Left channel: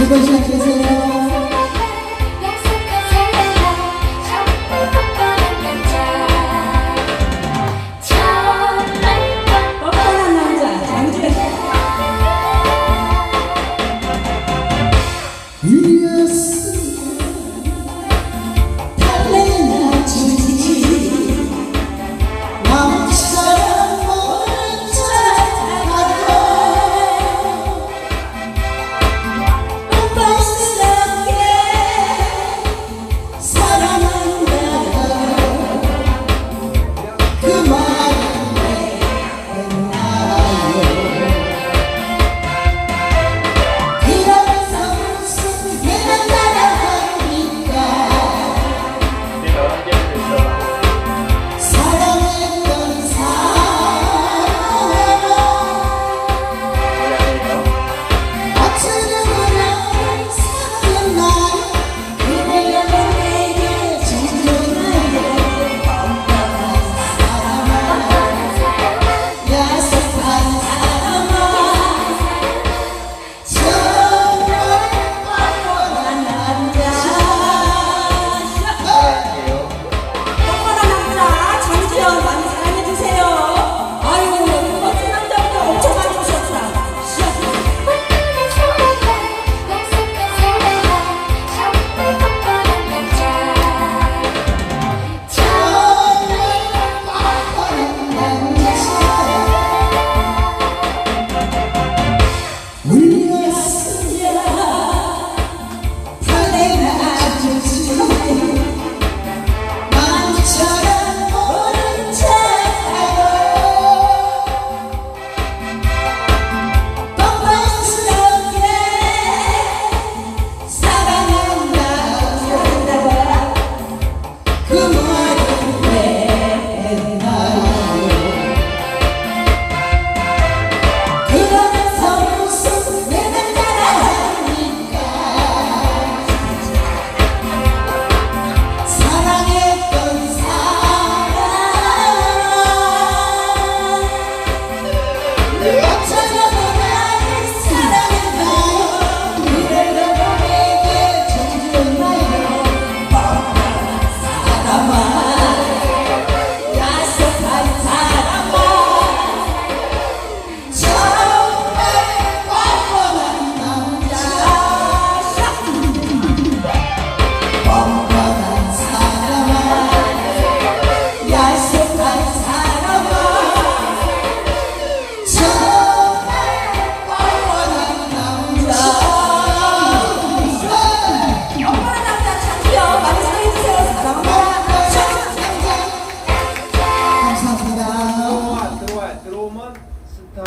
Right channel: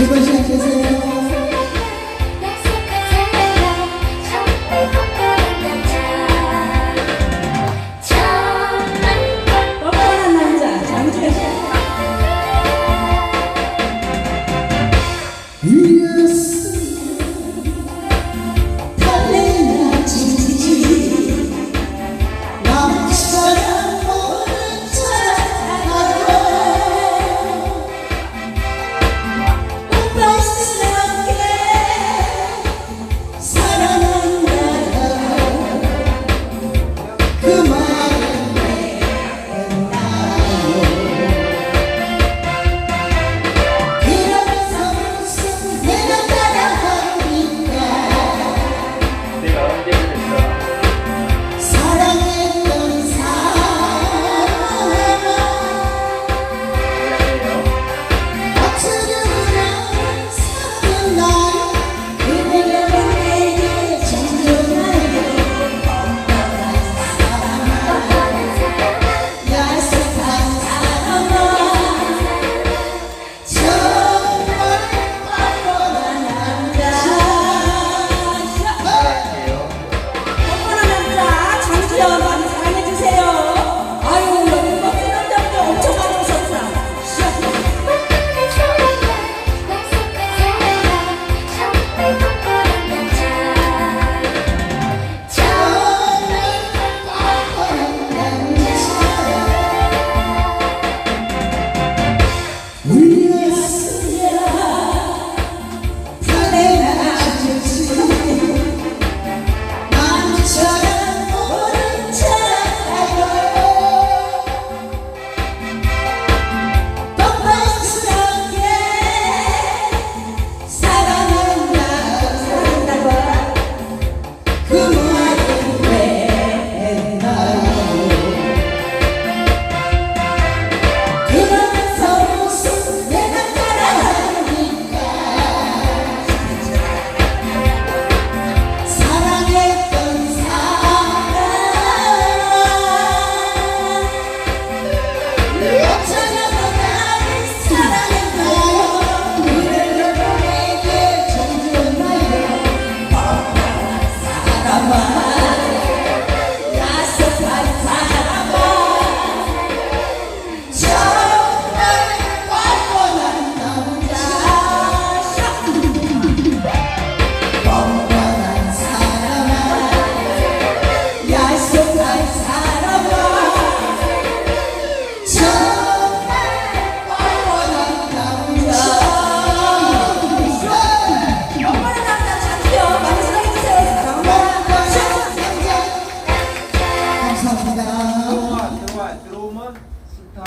Because like